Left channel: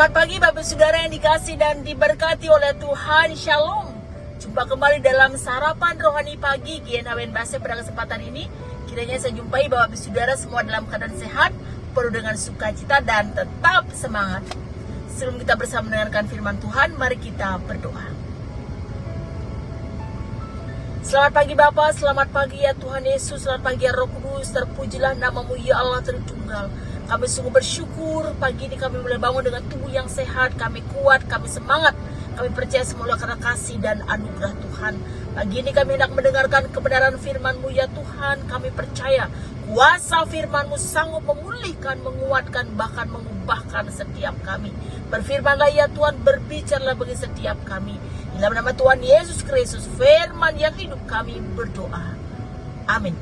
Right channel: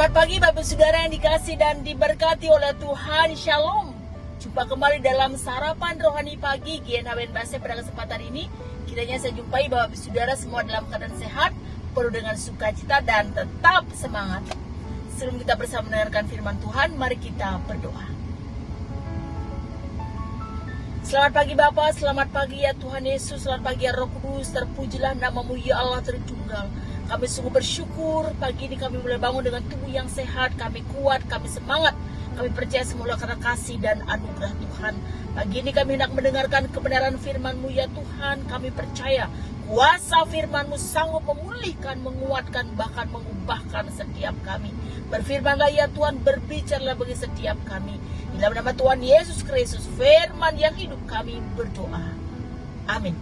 Selamat pagi Bapak Saudara yang dikasih dan diberkati oleh Tuhan. Shalom. Jumpa kembali dalam sarapan rohani pagi GNHWN Base pada kesempatan ini. Kiranya saya jumpai Bapak Saudara semua dalam keadaan sehat, penuh dengan sukacita dan tetap semangat. Sebelum kita bersama mendengarkan firman Tuhan, mari kita berdoa. Selamat pagi Bapa, selamat pagi ya Tuhan Yesus, selamat pagi ya Roh Kudus, terpujilah namamu ya Allah Tritunggal. Kami sungguh bersyukur pagi ini kami boleh bangun dengan tubuh yang sehat, kami kuat, kami semangat, kami percaya semula karena kasih dan anugerah Tuhan. Pagi ini kami hendak mendengarkan kebenaran firman-Mu ya Tuhan, kami percaya kuasa firman-Mu sanggup memulihkan, menguatkan, bahkan mengubahkan setiap kami. Berfirmanlah ya Tuhan, berbicaralah bagi setiap kami. Dalam nama Tuhan Yesus Kristus, firman yang hidup kami berdoa. Amin.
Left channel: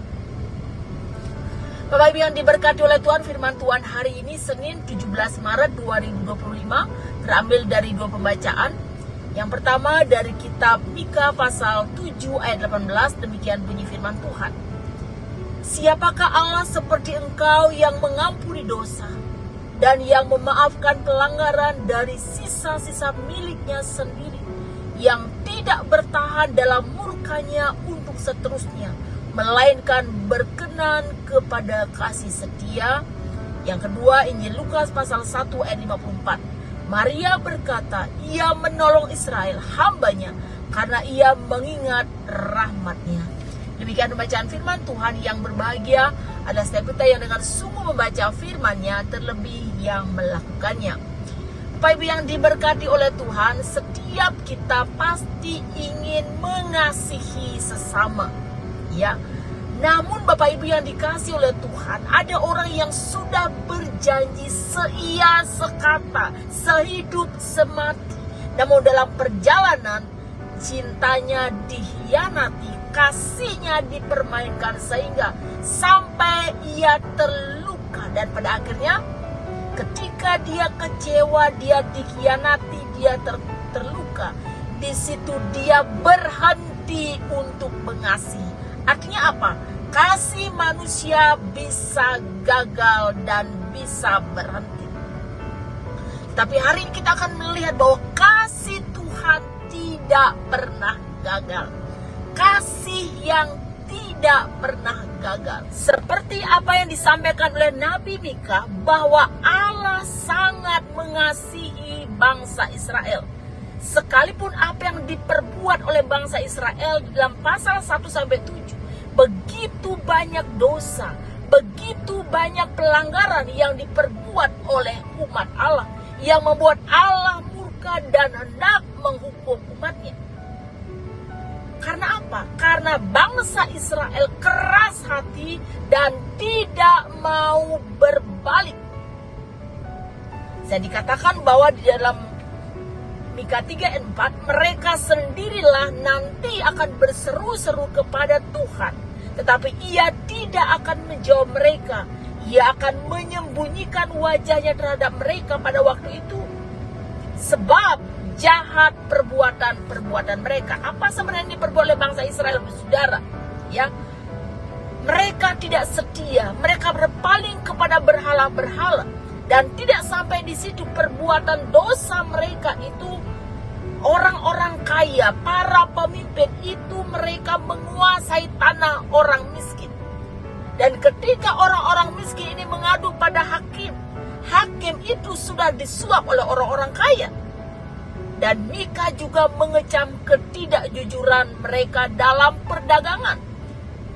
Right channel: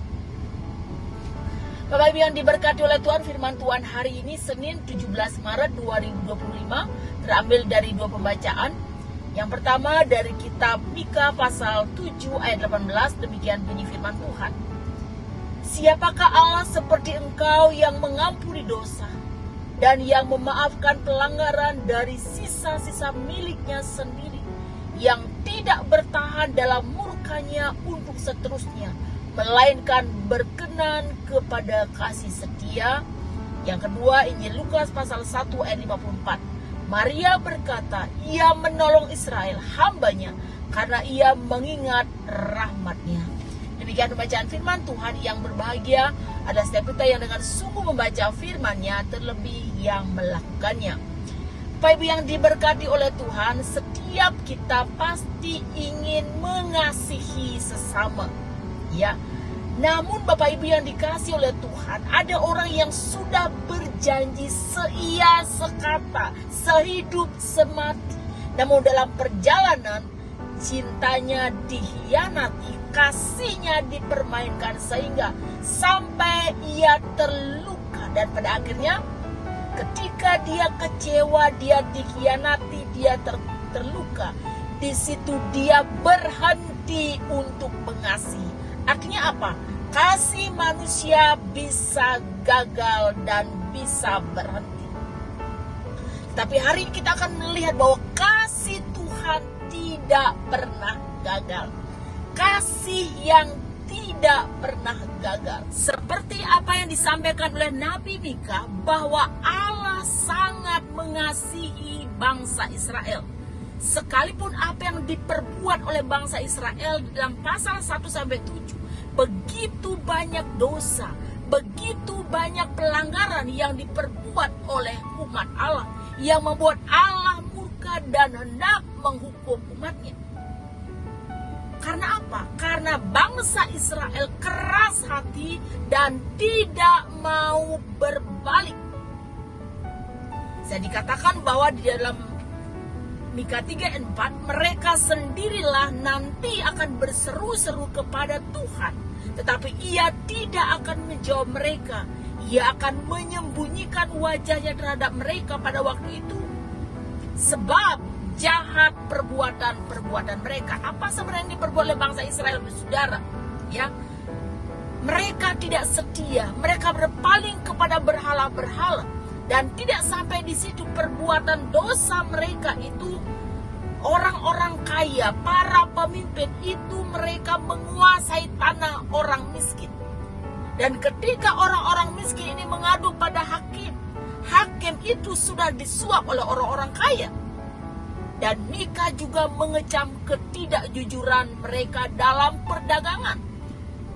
Bapak Ibu yang diberkati oleh Tuhan, firman Tuhan hari ini Senin 17 Maret 2025 terambil dari dua pembacaan. Yang pertama dari kitab Mika pasal 7 ayat 18, demikian bunyi firman Tuhan. Siapakah Allah seperti engkau yang mengampuni dosa dan yang memaafkan pelanggaran dari sisa-sisa miliknya sendiri, yang tidak bertahan dalam murkanya untuk seterusnya, melainkan berkenan kepada kasih setia. Yang kedua, Injil Lukas pasal 1 ayat 54. Maria berkata, ia menolong Israel, hambanya, karena ia mengingat rahmatnya. Demikian pembacaan firman Tuhan. Yang berbahagia adalah setiap kita yang dengan sungguh membaca firman-Nya, terlebih yang melakukannya. Bapak Ibu yang diberkati oleh Tuhan, setiap kita pasti ingin mengasihi sesama. Ya, namun Bapak Ibu yang dikasih oleh Tuhan, ada orang yang sudah berjanji seia sekata, sehidup semati. Namun dalam perjalanan cintanya dihianati, kasihnya dipermainkan sehingga sampai ia terluka, dan pada akhirnya ketika dia kecewa, dia dikhianati, dia terluka, di situ dia berhenti untuk mengasihi. Artinya apa? Kasih manusia bisa gagal dan bisa berhenti. Tapi hari ini kita akan melihat bahwa kasih Tuhan tidak pernah gagal. Kasih yang tidak pernah gagal. Seperti apa yang disampaikan oleh Nabi Mika, bahwa Allah sangat mengasihi bangsa Israel. Sekalipun apa yang diperbuat oleh bangsa Israel dalam pasal 1-7, begitu banyak dosa, begitu banyak pelanggaran yang diperbuat oleh umat Allah, yang membuat Allah murka dan hendak menghukum umatnya. Karena apa? Karena bangsa Israel keras hati dan tidak mau berbalik. Saya dikatakan bahwa di dalam Mika 3 ayat 4, mereka sendirilah nanti akan berseru-seru kepada Tuhan, tetapi ia tidak akan menjawab mereka. Ia akan menyembunyikan wajahnya terhadap mereka pada waktu itu, sebab jahat perbuatan mereka. Apa sebenarnya yang diperbuat oleh bangsa Israel, saudara? Ya, mereka tidak setia, mereka berpaling kepada berhala-berhala, dan tidak sampai di situ. Perbuatan dosa mereka itu, orang-orang kaya, para pemimpin itu, mereka menguasai tanah orang miskin. Dan ketika orang-orang miskin ini mengadu pada hakim, hakim itu sudah disuap oleh orang-orang kaya. Dan Mika juga mengecam ketidakjujuran mereka dalam perdagangan.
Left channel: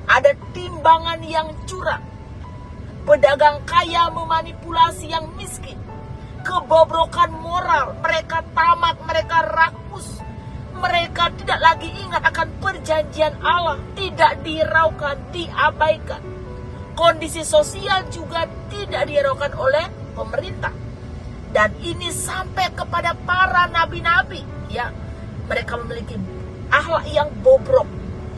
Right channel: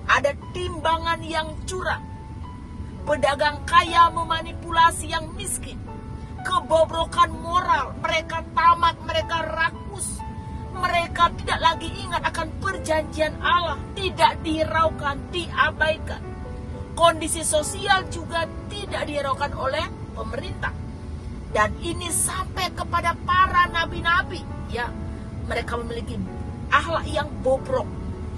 Ada timbangan yang curang. Pedagang kaya memanipulasi yang miskin. Kebobrokan moral, mereka tamak, mereka rakus. Mereka tidak lagi ingat akan perjanjian Allah, tidak dihiraukan, diabaikan. Kondisi sosial juga tidak dihiraukan oleh pemerintah. Dan ini sampai kepada para nabi-nabi, ya. Mereka memiliki akhlak yang bobrok,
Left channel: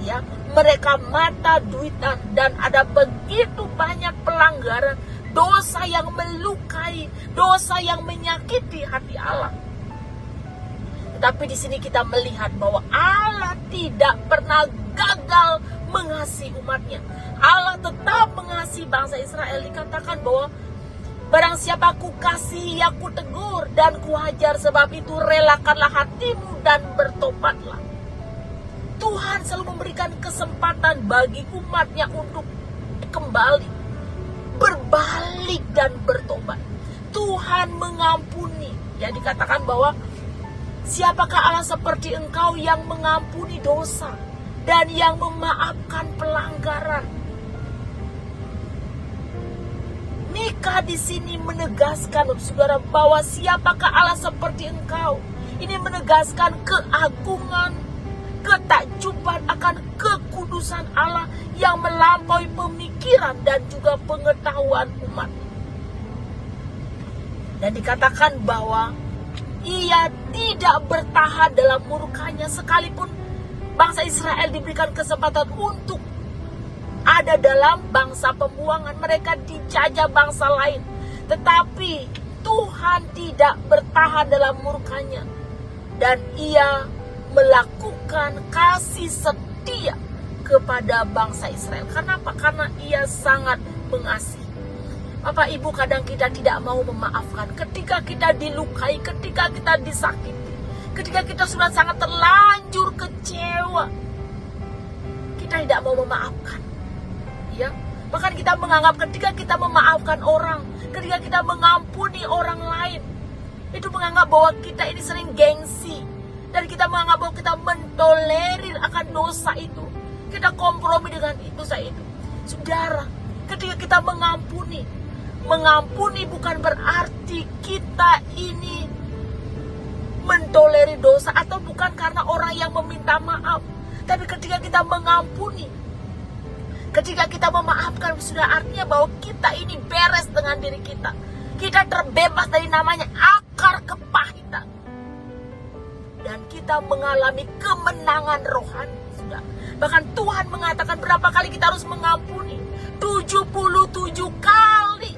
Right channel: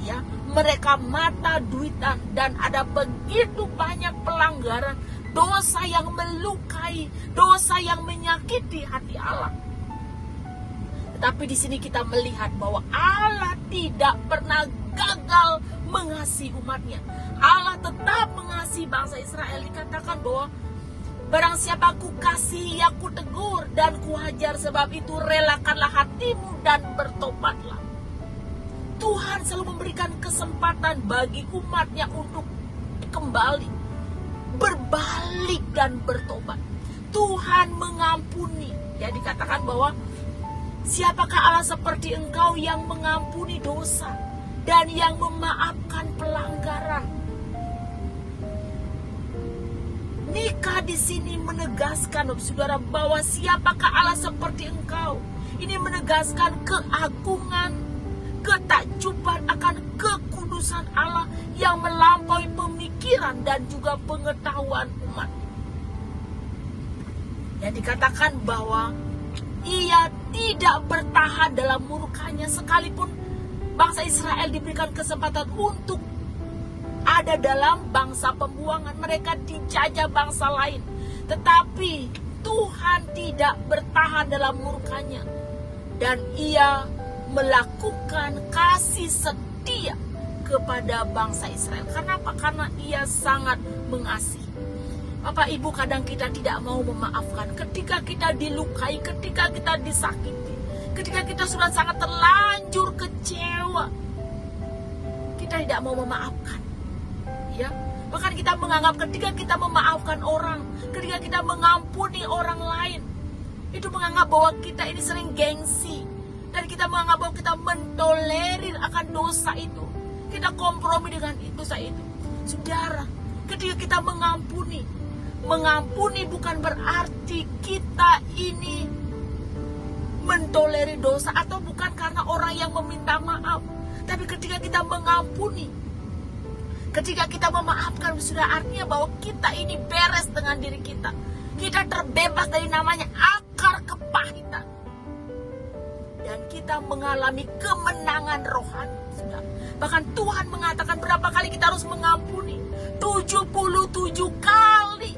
ya. Mereka mata duitan, dan ada begitu banyak pelanggaran, dosa yang melukai, dosa yang menyakiti hati Allah. Tetapi di sini kita melihat bahwa Allah tidak pernah gagal mengasihi umatnya. Allah tetap mengasihi bangsa Israel. Dikatakan bahwa Barang siapa ku kasihi, ya ku tegur dan ku hajar. Sebab itu relakanlah hatimu dan bertobatlah. Tuhan selalu memberikan kesempatan bagi umatnya untuk kembali, berbalik dan bertobat. Tuhan mengampuni. Ya, dikatakan bahwa siapakah Allah seperti engkau yang mengampuni dosa dan yang memaafkan pelanggaran. Mika di sini menegaskan, saudara, bahwa siapakah Allah seperti engkau. Ini menegaskan keagungan, ketakjuban akan kekudusan Allah yang melampaui pemikiran dan juga pengetahuan umat. Dan dikatakan bahwa ia tidak bertahan dalam murkanya, sekalipun bangsa Israel diberikan kesempatan untuk ada dalam bangsa pembuangan, mereka dijajah bangsa lain. Tetapi Tuhan tidak bertahan dalam murkanya, dan ia melakukan kasih setia kepada bangsa Israel. Karena apa? Karena ia sangat mengasihi. Bapak Ibu, kadang kita tidak mau memaafkan ketika kita dilukai, ketika kita disakiti, ketika kita sudah sangat terlanjur kecewa, kita tidak mau memaafkan. Ya, bahkan kita menganggap ketika kita memaafkan orang, ketika kita mengampuni orang lain, itu menganggap bahwa kita ini sering gengsi, dan kita menganggap bahwa kita mentolerir akan dosa itu, kita kompromi dengan dosa itu. Saudara, ketika kita mengampuni bukan berarti kita ini mentolerir dosa, atau bukan karena orang yang meminta maaf. Tapi ketika kita mengampuni, ketika kita memaafkan, sudah artinya bahwa kita ini beres dengan diri kita. Kita terbebas dari namanya akar kepahitan. Dan kita mengalami kemenangan rohani. Sudah. Bahkan Tuhan mengatakan berapa kali kita harus mengampuni. 77 kali.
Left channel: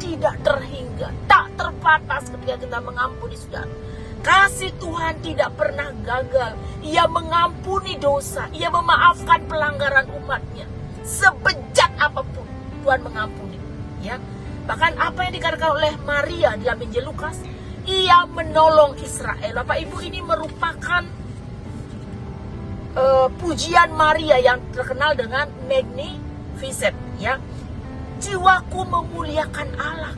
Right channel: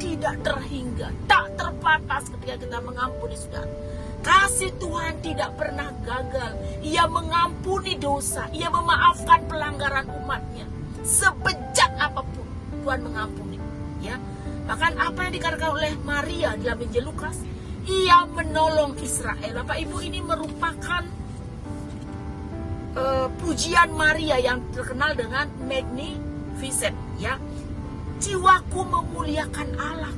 Tidak terhingga, tak terbatas ketika kita mengampuni, sudah. Kasih Tuhan tidak pernah gagal. Ia mengampuni dosa, ia memaafkan pelanggaran umatnya. Sebejat apapun Tuhan mengampuni. Ya, bahkan apa yang dikatakan oleh Maria dalam Injil Lukas, ia menolong Israel. Bapak Ibu, ini merupakan pujian Maria yang terkenal dengan Magnificat. Ya, jiwaku memuliakan Allah.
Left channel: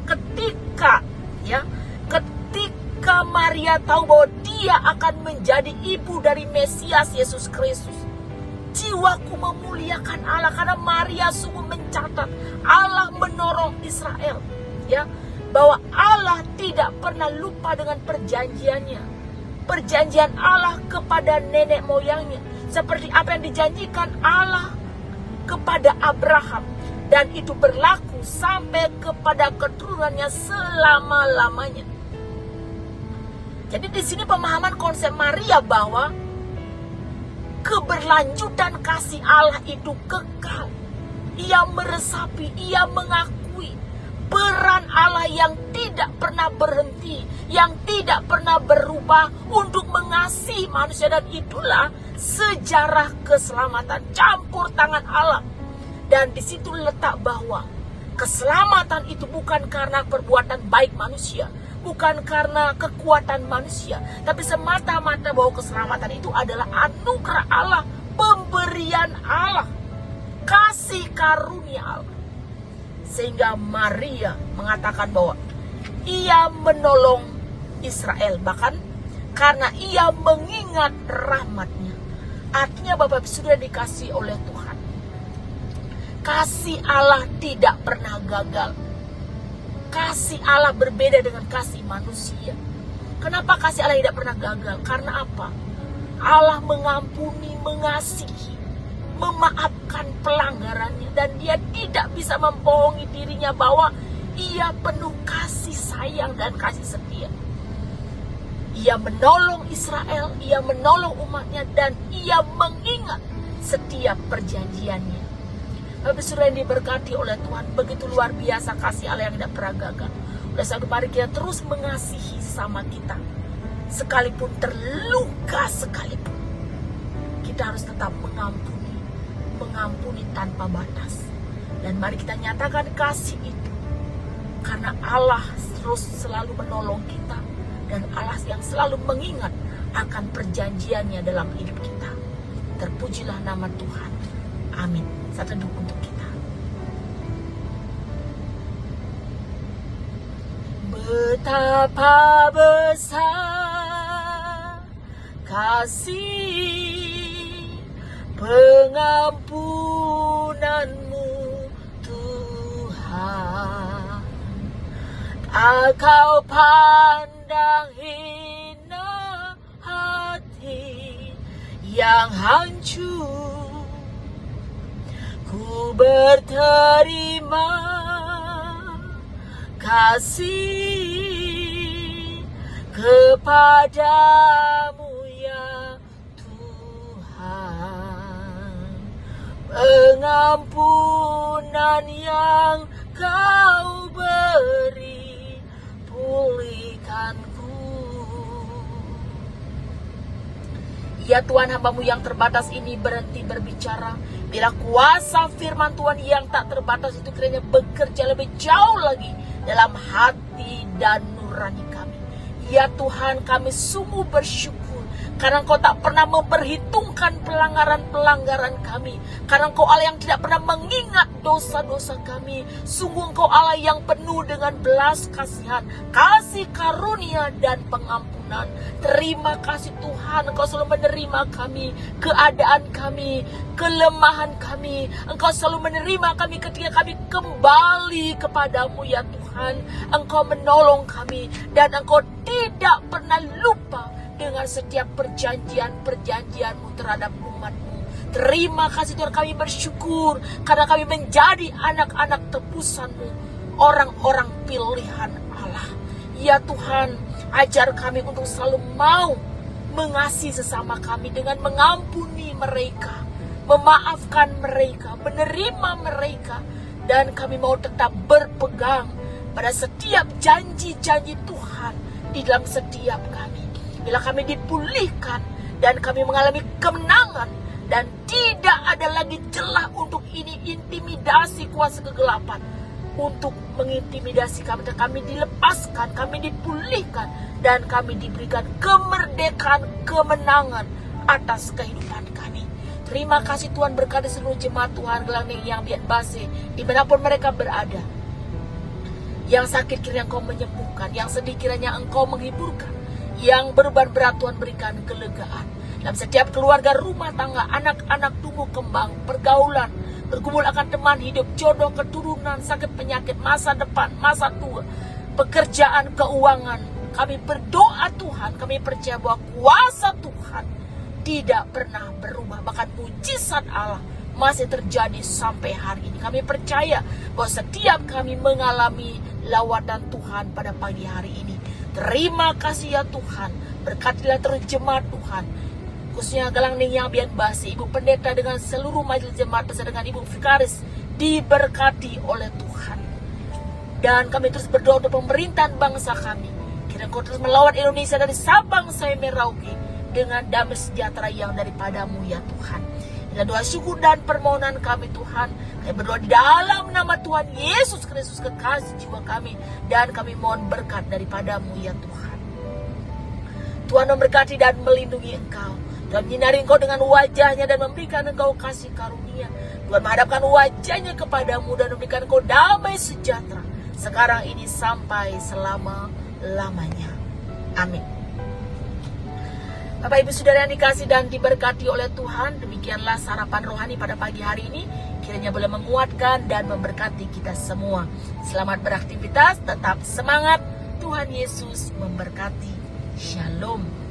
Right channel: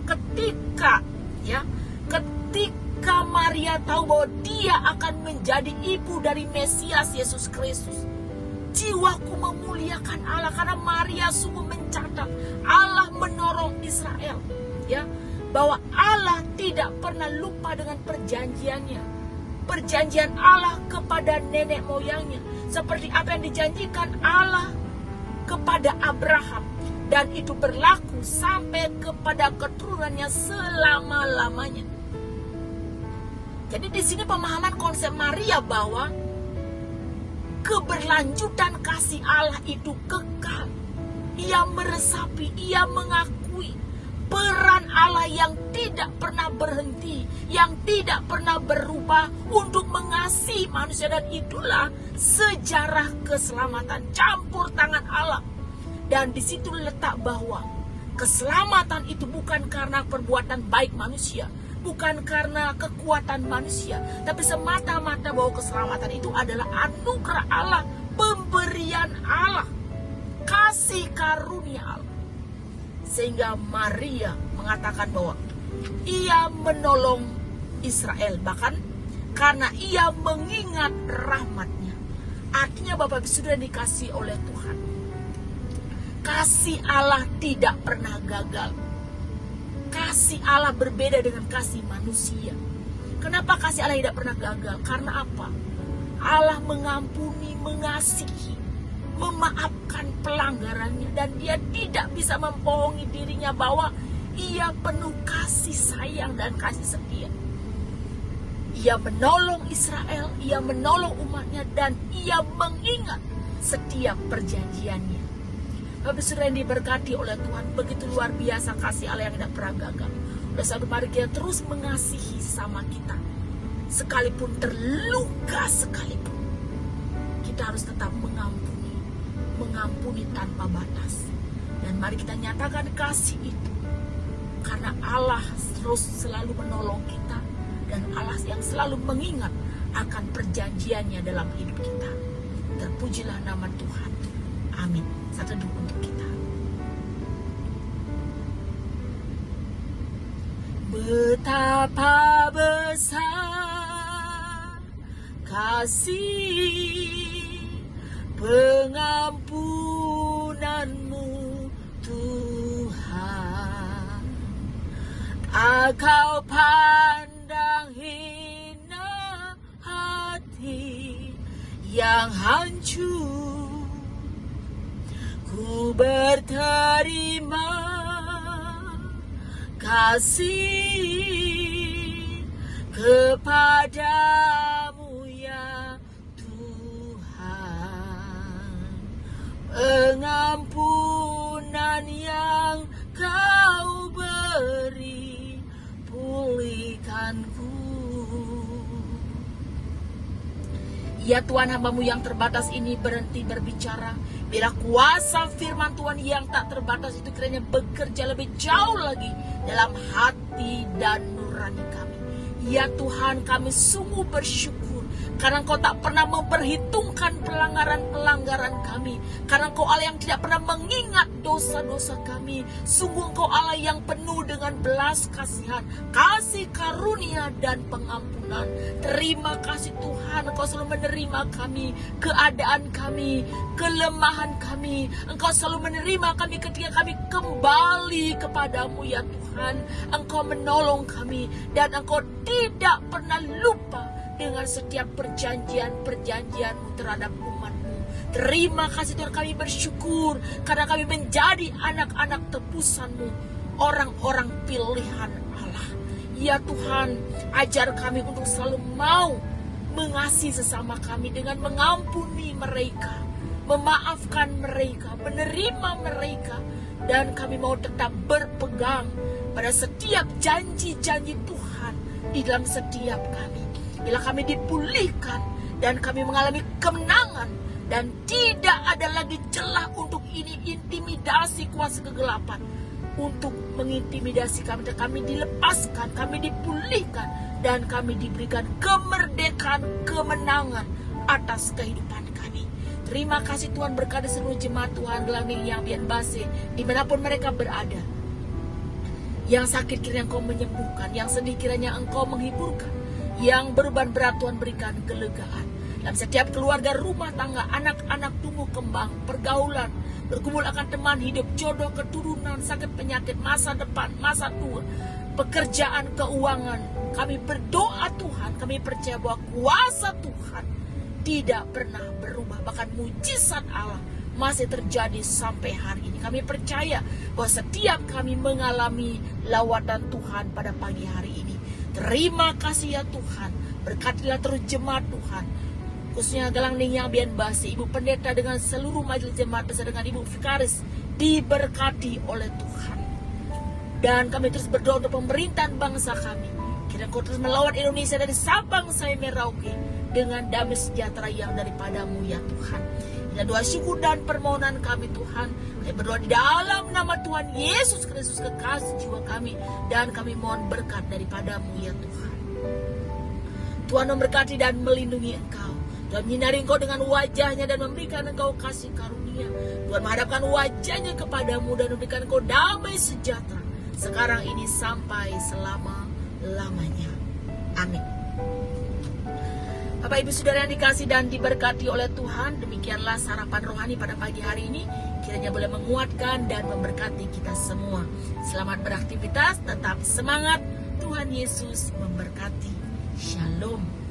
Ketika Maria tahu bahwa dia akan menjadi ibu dari Mesias Yesus Kristus, jiwaku memuliakan Allah, karena Maria sungguh mencatat Allah menolong Israel, ya, bahwa Allah tidak pernah lupa dengan perjanjiannya, perjanjian Allah kepada nenek moyangnya, seperti apa yang dijanjikan Allah kepada Abraham. Dan itu berlaku sampai kepada keturunannya selama-lamanya. Jadi di sini pemahaman konsep Maria bahwa keberlanjutan kasih Allah itu kekal. Ia meresapi, ia mengakui peran Allah yang tidak pernah berhenti, yang tidak pernah berubah untuk mengasihi manusia. Dan itulah sejarah keselamatan, campur tangan Allah. Dan di situ letak bahwa keselamatan itu bukan karena perbuatan baik manusia, bukan karena kekuatan manusia, tapi semata-mata bahwa keselamatan itu adalah anugerah Allah, pemberian Allah, kasih karunia Allah. Sehingga Maria mengatakan bahwa ia menolong Israel, bahkan karena ia mengingat rahmatnya. Artinya Bapak sudah dikasih oleh Tuhan. Kasih Allah tidak pernah gagal. Kasih Allah berbeda dengan kasih manusia. Kenapa kasih Allah tidak pernah gagal? Karena apa? Allah mengampuni, mengasihi, memaafkan pelanggarannya. Dan dia tidak bisa membohongi dirinya bahwa ia penuh kasih sayang dan kasih setia. Ia menolong Israel, ia menolong umatnya, dan ia mengingat setiap perjanjiannya. Bapak saudara yang diberkati oleh Tuhan, begitu luar biasa kasih Allah yang tidak pernah gagal. Oleh sebab mari kita terus mengasihi sama kita, sekalipun terluka sekalipun, kita harus tetap mengampuni tanpa batas. Dan mari kita nyatakan kasih itu karena Allah terus selalu menolong kita, dan Allah yang selalu mengingat akan perjanjiannya dalam hidup kita. Terpujilah nama Tuhan. Amin. Saat teduh untuk kita. Betapa besar kasih pengampunanmu Tuhan, tak kau pandang hina hati yang hancur. Ku berterima kasih kepadamu ya Tuhan, pengampunan yang kau beri pulihkanku. Ya Tuhan, hamba-Mu yang terbatas ini berhenti berbicara. Bila kuasa firman Tuhan yang tak terbatas itu kiranya bekerja lebih jauh lagi dalam hati dan nurani kami. Ya Tuhan, kami sungguh bersyukur karena Engkau tak pernah memperhitungkan pelanggaran-pelanggaran kami. Karena Engkau Allah yang tidak pernah mengingat dosa-dosa kami. Sungguh Engkau Allah yang penuh dengan belas kasihan, kasih karunia dan pengampunan. Terima kasih Tuhan, Engkau selalu menerima kami, keadaan kami, kelemahan kami. Engkau selalu menerima kami ketika kami kembali kepadamu ya Tuhan. Engkau menolong kami dan Engkau tidak pernah lupa dengan setiap perjanjian-perjanjian-Mu terhadap umat-Mu. Terima kasih Tuhan, kami bersyukur karena kami menjadi anak-anak tebusan-Mu, orang-orang pilihan Allah. Ya Tuhan, ajar kami untuk selalu mau mengasihi sesama kami dengan mengampuni mereka, memaafkan mereka, menerima mereka, dan kami mau tetap berpegang pada setiap janji-janji Tuhan di dalam setiap kami. Bila kami dipulihkan dan kami mengalami kemenangan dan tidak ada lagi celah untuk ini intimidasi kuasa kegelapan untuk mengintimidasi kami, dan kami dilepaskan, kami dipulihkan dan kami diberikan kemerdekaan, kemenangan atas kehidupan kami. Terima kasih Tuhan, berkati seluruh jemaat Tuhan Gelangning yang Bianbase dimanapun mereka berada. Yang sakit kiranya Engkau menyembuhkan, yang sedih kiranya Engkau menghiburkan, yang beban berat Tuhan berikan kelegaan. Dalam setiap keluarga, rumah tangga, anak-anak tumbuh kembang, pergaulan, berkumpul akan teman hidup, jodoh, keturunan, sakit penyakit, masa depan, masa tua, pekerjaan, keuangan. Kami berdoa Tuhan, kami percaya bahwa kuasa Tuhan tidak pernah berubah. Bahkan mujizat Allah masih terjadi sampai hari ini. Kami percaya bahwa setiap kami mengalami lawatan Tuhan pada pagi hari ini. Terima kasih ya Tuhan, berkatilah terus jemaat Tuhan, khususnya Gelangning yang Bianbase, Ibu Pendeta dengan seluruh majelis jemaat bersama dengan Ibu Vikaris, diberkati oleh Tuhan. Dan kami terus berdoa untuk pemerintahan bangsa kami, kiranya Kau terus melawat Indonesia dari Sabang sampai Merauke dengan damai sejahtera yang daripadamu ya Tuhan. Dan doa syukur dan permohonan kami Tuhan, kami berdoa di dalam nama Tuhan Yesus Kristus, kekasih jiwa kami, dan kami mohon berkat daripadamu ya Tuhan. Tuhan memberkati dan melindungi Engkau, Tuhan menyinari Engkau dengan wajahnya dan memberikan Engkau kasih karunia. Tuhan menghadapkan wajahnya kepadamu dan memberikan Engkau damai sejahtera sekarang ini sampai selama-lamanya. Amin. Bapak Ibu Saudara yang dikasih dan diberkati oleh Tuhan, demikianlah sarapan rohani pada pagi hari ini. Kiranya boleh menguatkan dan memberkati kita semua. Selamat beraktivitas, tetap semangat. Tuhan Yesus memberkati. Shalom.